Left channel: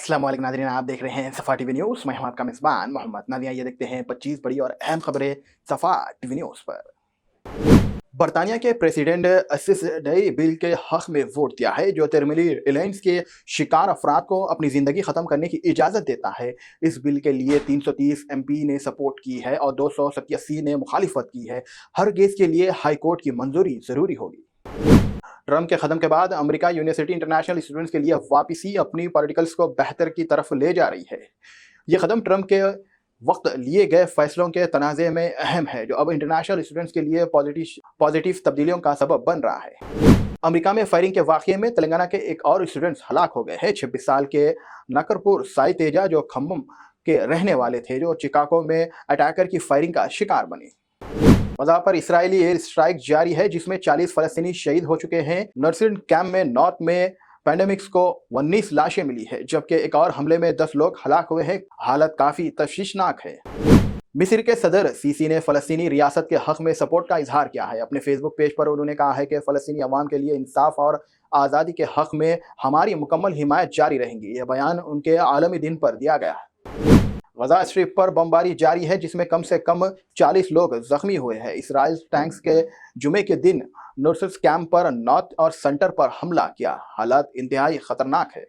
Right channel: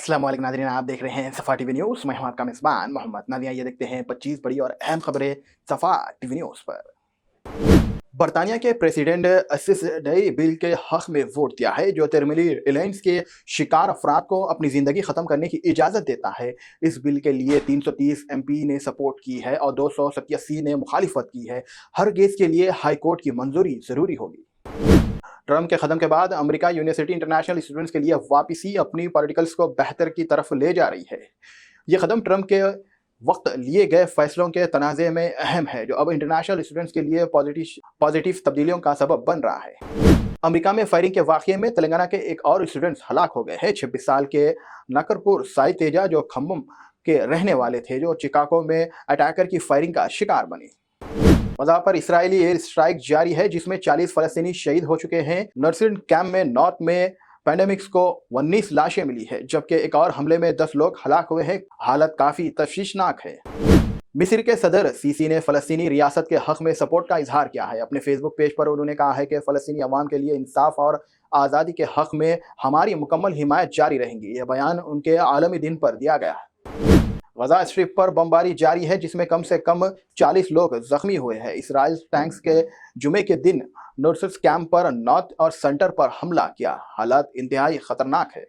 अस्सलाम वालेकुम नाज़रीन, आप देख रहे हैं सफ़ा टीवी न्यूज़। मैं हूं आपका मेज़बान मोहम्मद। नाज़रीन, ये देखते हैं 25 बड़ी और अहम खबरें सफ़ा टीवी न्यूज़ पर। बरतानिया के प्रेसिडेंट असिस डई बिल के हक में वोट दिया है जो टर्मिनली इलनेस के शिकार अफराद को अपनी ज़िंदगी ख़त्म करने की इजाज़त देता है। इस बिल के लिए 330 एमपी ने सपोर्ट की है और 287 ने मुखालिफत की है। हर केस के लिए हाई कोर्ट की मंजूरी ज़रूरी होगी। ट्रम्प के कदम के बाद अमेरिका यूनिवर्सिटी इंटरनेशनल स्टूडेंट्स के लिए वापसी अपनी पॉलिटिकल्स को बेहतर की तरफ ले जा रही है। यह कदम ट्रम्प के वक्त लिए गए फैसलों के तनाज़े में अहम है जो अब इंटरनेशनल स्टूडेंट्स के लिए पॉजिटिव तब्दीलियों का सबब बन रहा है। अमेरिका में फायरिंग के वाक़ये में तेलंगाना के एक और स्टूडेंट्स हलाक हो गए हैं। 26 साल के नकरपुर साई तेजा जो खम्मम के रहने वाले थे जो चिकागो में अटैकर की फायरिंग का शिकार बने। गजा पर इसराइली एयर स्ट्राइक जारी है जिसमें 40 फलस्तीनी शहीद हो चुके हैं। नर्सिंग कैंप में नॉर्थ में पैंडेमिक्स को 19 लाशें मिली है जबकि एक और हमले में 10 लोग हलाक हुए हैं। हालत काफी तशवीशनाक है। मिस्र के सदर सीसी ने फलस्तीनी रियासत के हक में सपोर्ट का इजहार किया है। अपने फेसबुक पेज पर उन्होंने कहा है कि फलस्तीनी अवाम के लिए इंसाफ और आज़ादी के हक में हमारी मुकम्मल हिमायत जारी रहेंगी। यह बयान उनके आलमी दिन पर दिया गया है। गजा स्ट्रिप पर बमबारी जारी है जिसमें कम से कम 40 लोग जख्मी हुए हैं। इसराइल टैंक्स के जुमे के दिन नर्सिस कैंप पर नॉर्थ और सेंटर पर हमला किया। हालात इंतहाई खतरनाक है।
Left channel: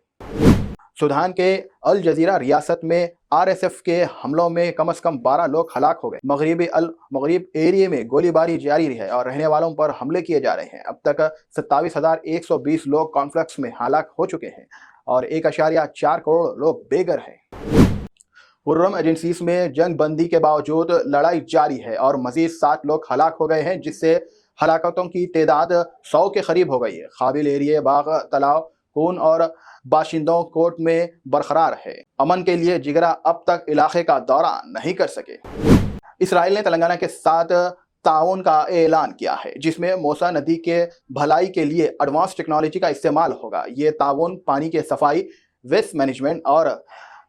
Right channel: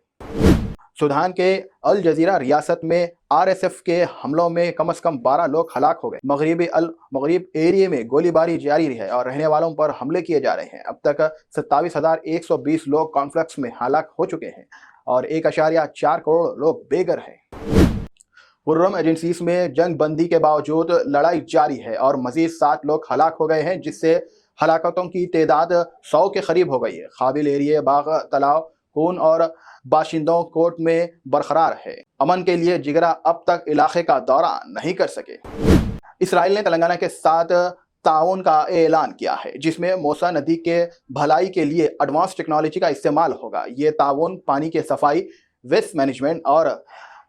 सूडान के अल जजीरा रियासत में आरएसएफ के हमलों में कम से कम 12 लोग हलाक हो गए। मगरिब एरिया में गोलीबारी जारी है और रहने वालों पर हमले किए जा रहे हैं। अब तक 27,120 लोग कॉन्फ्लिक्ट्स में हलाक हो चुके हैं और 1.4 करोड़ लोग बेघर हैं। खुर्रम एजेंसीज में जंग बंदी के बावजूद लड़ाई जारी है और मजीद 7 लोग हलाक हो गए हैं जिससे हलाकतों की तादाद 100 के करीब हो गई है। काबिल एरिया बाग तालाब खून और बाशिंदों कोर्ट में बरकरार है। अमन के लिए जिगरा अब तक इलाके का दौरा नहीं कर सके। इसराइल ने तेलंगाना के साथ ताउन का ऐलान किया है जिसमें मौसा नदी के भलाई के लिए एडवांस टेक्नोलॉजी का इस्तेमाल होगा। ये ताउन पानी के सफाई, वेस्ट मैनेजमेंट और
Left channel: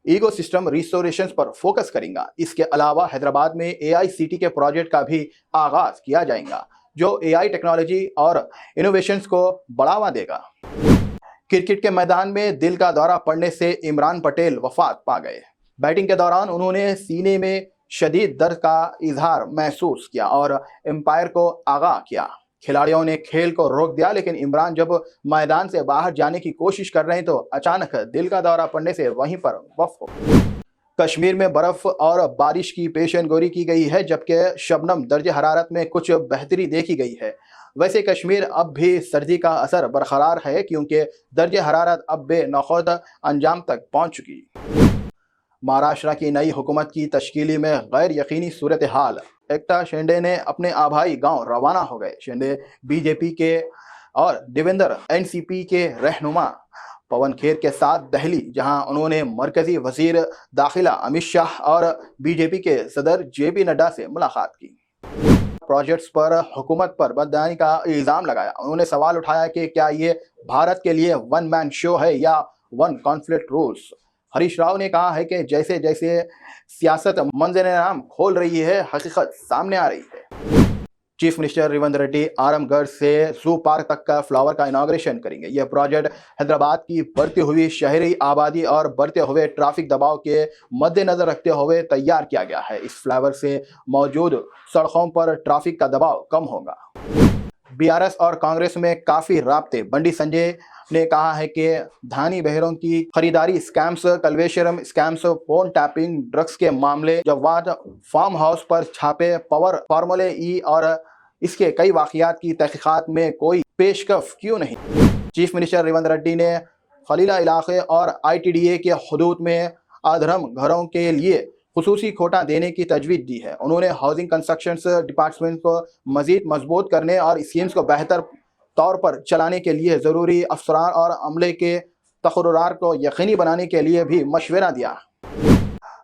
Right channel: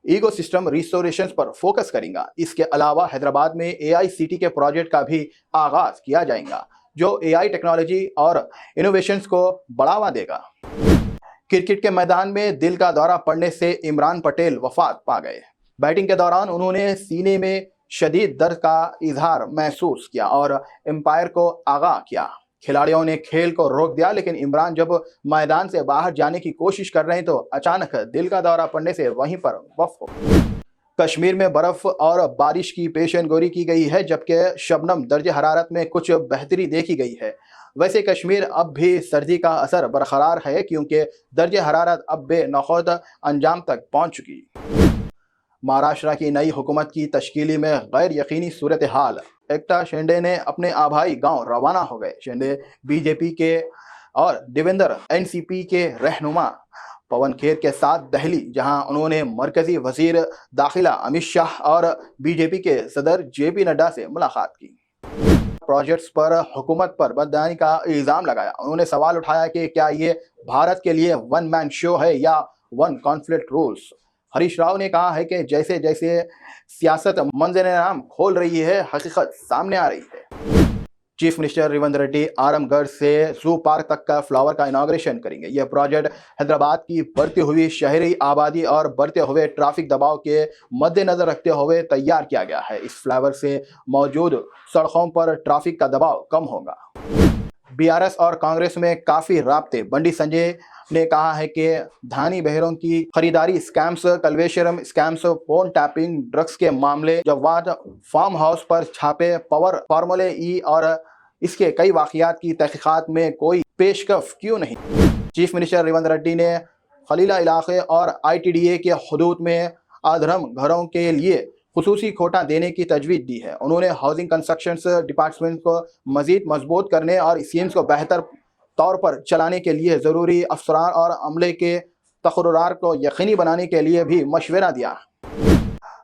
इकोसिस्टम रिस्टोरेशन पर फोकस करेगा। इसके अलावा हैदराबाद में AICT के प्रोजेक्ट का भी आगाज किया जाएगा जो AI टेक्नोलॉजी और इनोवेशंस को बढ़ावा देगा। क्रिकेट के मैदान में दिल का दौरा पड़ने से इमरान पटेल वफात पा गए। बैटिंग के दौरान उन्होंने सीने में शदीद दर्द का इजहार महसूस किया और एम्पायर को आगाह किया। खिलाड़ियों ने खेल को रोक दिया लेकिन इमरान जब मैदान से बाहर जाने की कोशिश कर रहे तो अचानक दिल का दौरा पड़ने से वहीं पर वफ हो। कश्मीर में बर्फ और बारिश की पेशेनगोई की गई है जबकि शबनम दर्जे हरारत में कुछ बेहतरी देखी गई है। वैसे कश्मीर अब भी सर्दी का असर बरकरार है क्योंकि दर्जे हरारत अब बेनखौत अंजाम तक पहुंच चुकी। महाराष्ट्र की नई हुकूमत की तश्कील में गैर यकीनी सूरत हाल। एकता शिंदे ने अपने आभाई गांव रवाना हो गए। शिंदे बीजेपी के और देवेंद्र NCP के रहनुमा पवन खेर के साथ दिल्ली जहां उन्होंने मरकजी वजीर दाखिला अमित शाह और बीजेपी के सदर JP नड्डा से मुलाकात की। प्रोजेक्ट्स पर हुकूमत पर बदनामी का इल्जाम लगाया। उन्होंने सवाल उठाया कि क्या ये भारत के लिए वन मैन शो है या one conflict rules. Harish Rao ने कहा है कि जैसे जैसे सियासत मंजर-ए-आम खोल रही है हकीकत सामने आ रही है। चीफ मिनिस्टर रेवंत रेड्डी आरामगढ़ से जू पार्क तक का फ्लावर का इनॉग्रेशन करेंगे। यह प्रोजेक्ट हैदराबाद की बढ़ती हुई शहरी आबादी और बढ़ते हुए ट्रैफिक दबाव के मद्देनजर रखते हुए तैयार किया गया है। इस फ्लावर से मौजूद सड़कों पर ट्रैफिक का दबाव कम होगा। BRS और कांग्रेस में काफी राब्ते। बंडी संजय ने कहा है कि धानी बहरों की खरीदारी scams, Kaleshwaram scams, phone tapping, drugs के मामले, जवाद फार्म हाउस पर छापे, पावर फार्मूले ई और इसके कई वाकयात की तहकीकात में कोई पेशकश क्यों नहीं। चीफ मिनिस्टर रेवंत रेड्डी ने खलीला इलाके और ITDA के हदूद में अधरम घरों के लिए खुसूसी कोटा देने की तजवीज़ दी है। उन्होंने हाउसिंग कंस्ट्रक्शन डिपार्टमेंट को मजीद मजबूत करने और स्कीम्स को बेहतर तौर पर चलाने के लिए ज़रूरी अफसरान और अमले के तकर्रुरात को यकीनी बनाने के लिए भी मशवरा दिया।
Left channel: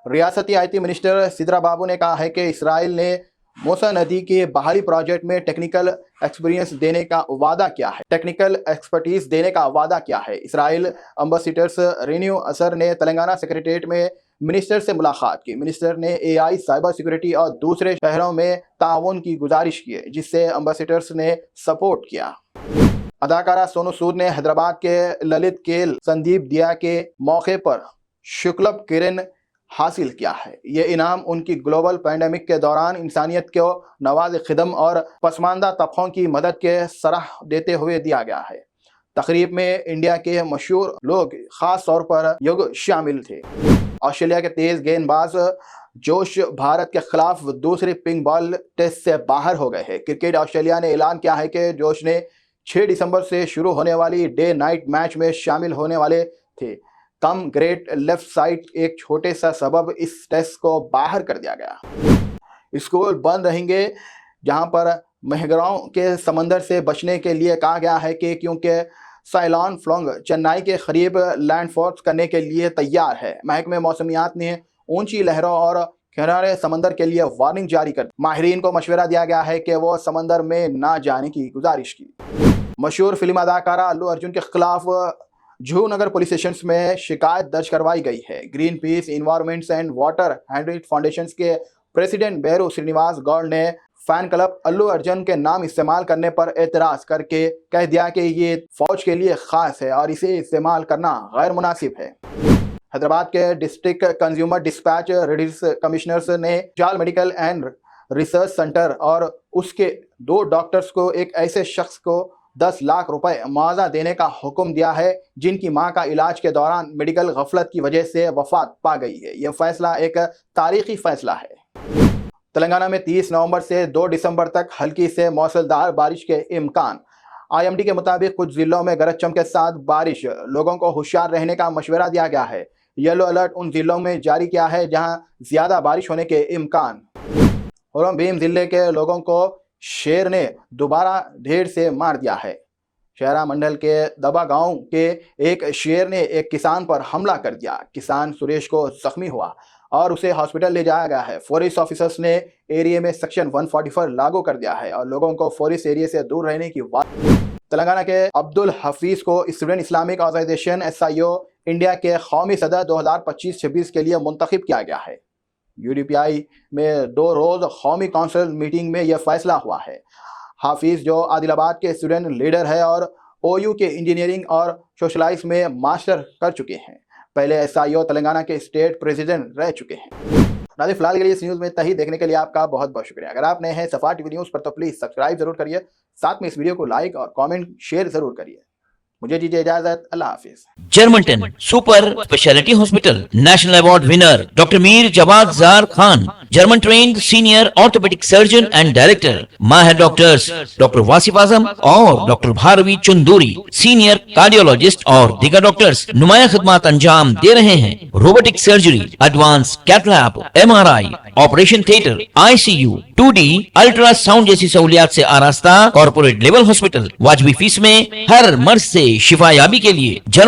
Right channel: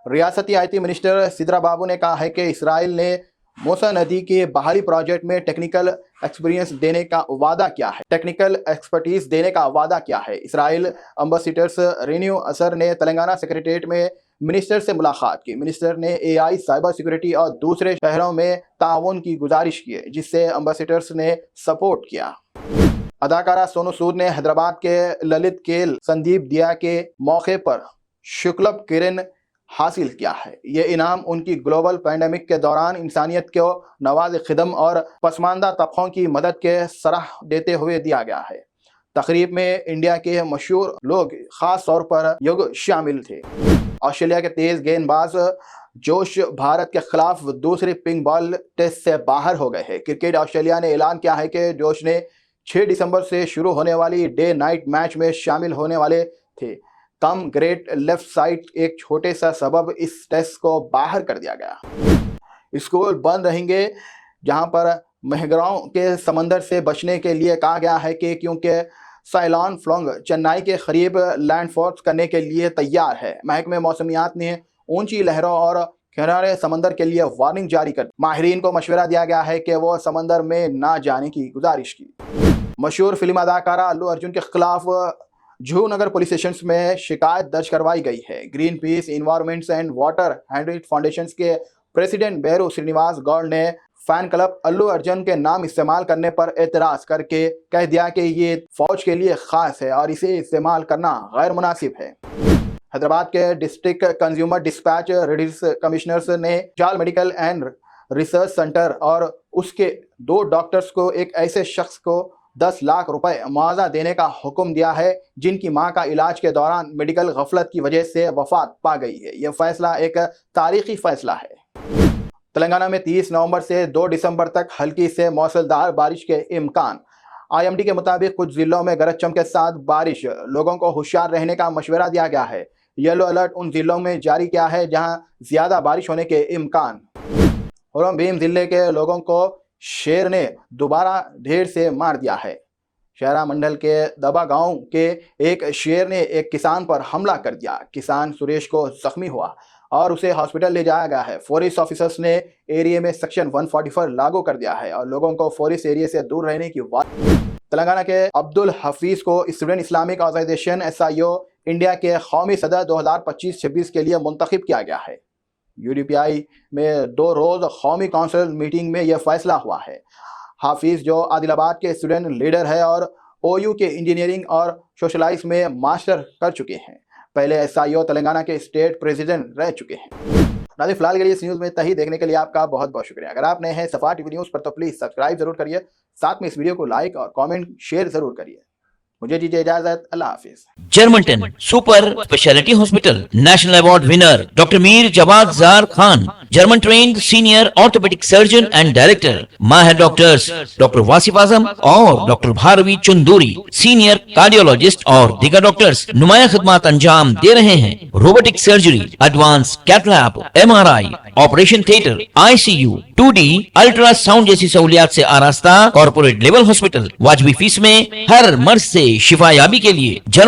रियासती IT मिनिस्टर सिद्रा बाबू ने कहा है कि इसराइल ने मूसा नदी के बाहरी प्रोजेक्ट में टेक्निकल एक्सपीरियंस देने का वादा किया है। इसराइल एम्बेसडर रेन्यू असर ने तेलंगाना सेक्रेटेरिएट में मिनिस्टर से मुलाकात की। मिनिस्टर ने AI, साइबर सिक्योरिटी और दूसरे शहरों में ताउन की गुजारिश की जिससे एम्बेसडर्स ने सपोर्ट किया। अदाकारा सोनू सूद ने हैदराबाद के ललित खेल संदीप दिया के मौके पर शुक्लभ किरण हासिल किया है। ये इनाम उनकी ग्लोबल पैंडेमिक के दौरान इंसानियत को नवाज खिदम और पसमानदा तबकों की मदद के सराह देते हुए दिया गया है। तकरीब में इंडिया के मशहूर लोग खास तौर पर युग शामिल थे। ऑस्ट्रेलिया के तेज गेंदबाज जोश भारत के खिलाफ दूसरे पिंक बॉल टेस्ट से बाहर हो गए हैं। क्रिकेट ऑस्ट्रेलिया ने ऐलान किया है कि जोश ने 6 दिसंबर से शुरू होने वाली डे नाइट मैच में शामिल होने वाले थे। कम ग्रेट लेफ्ट साइड एक छोटे सा सबब इस टेस्ट को बाहर कर दिया गया। स्कूल बंद रहेंगे, जहां पर महगराओं के समंदर से बचने के लिए कहा गया है कि क्योंकि साइक्लोन फ्लंग चेन्नई के करीब लैंडफॉल करने के लिए तैयार है। महकमे मौसमियात ने ऊंची लहरों और किनारे समंदर के लिए वार्निंग जारी कर माहिरीन को मशवरा दिया गया है कि वो समंदर में ना जाने की गुजारिश की। मशहूर फिल्म अदाकारा अल्लू अर्जुन के खिलाफ जूहू पुलिस स्टेशन में शिकायत दर्ज करवाई गई है। Green peace environments and water हैंड्रिट फाउंडेशन के प्रेसिडेंट बेरू श्रीनिवास गौड़ ने फैन क्लब अल्लू अर्जुन के नाम इस्तेमाल करने पर एतराज करके कह दिया कि ये फौज के लिए खास है और इसे इस्तेमाल करना गैर मुनासिब है। हैदराबाद के district consumer dispatch release commissioners ने जाल मेडिकल एंड रिसर्च सेंटर और उसके 2 डॉक्टर्स को एक ऐसे शख्स को 10 लाख रुपए मुआवजा देने का हुक्म दिया है जिनकी मां का इलाज के दौरान मेडिकल गफलत की वजह से वफात पा गई है। यह फैसला एक तारीखी फैसला है। तेलंगाना में 30 नवंबर से 2 दिसंबर तक हल्की से मूसलाधार बारिश के इम्कान। IMD के मुताबिक कुछ जिलों में गरज चमक के साथ बारिश, लोगों को होशियार रहने का मशवरा दिया गया है। येलो अलर्ट उन जिलों में जारी किया है जहां ज्यादा बारिश होने के इम्कान। होलम भीम जिले के लोगों को शेर ने दोबारा ढेर से मार दिया है। शहरा मंडल के दबा गांव के एक शेर ने एक किसान पर हमला कर दिया। किसान सुरेश को जख्मी हुआ और उसे हॉस्पिटल ले जाया गया है। फॉरेस्ट ऑफिसर्स ने एरिया में सेक्शन 144 लागू कर दिया है और लोगों को फॉरेस्ट एरिया से दूर रहने की बात। तेलंगाना के अब्दुल हफीज को student Islamic organisation SIO India के कौमी सदर 2025-26 के लिए मुंतखब किया गया है। UDPI में 2 रोज कौमी काउंसिल मीटिंग में यह फैसला हुआ है। हाफिज जो आदिलाबाद के स्टूडेंट लीडर है और OU के इंजीनियरिंग और सोशलाइज में मास्टर कर चुके हैं। पहले SIO तेलंगाना के स्टेट प्रेसिडेंट रह चुके हैं। नाज़रीन, फिलहाल के लिए इस न्यूज़ में इतना ही। देखने के लिए आपका बहुत बहुत शुक्रिया। अगर आप नए हैं सफा टीवी न्यूज़ पर तो प्लीज़ सब्सक्राइब जरूर करिए, साथ में इस वीडियो को लाइक और कमेंट शेयर जरूर करिए। मुझे दीजिए इजाजत, अल्लाह हाफिज। जर्मनटन super speciality hospital, national award winner doctor Mir Jawad जार Khan, German trained senior orthopaedic surgeon and director, माहिर डॉक्टर्स डॉक्टर वासिफ आजम और doctor Bharavi Chanduri, senior cardiologist और दीगर डॉक्टर्स नुमाया खिदमत अंजाम दे रहे हैं। Robotic surgery, advance cath lab, MRI, operation theatre, ICU, 2D ultrasound जैसी सहूलियात से आरास्ता कॉर्पोरेट लेवल हॉस्पिटल। वाजबी फीस में हर मर्ज से शिफायाबी के लिए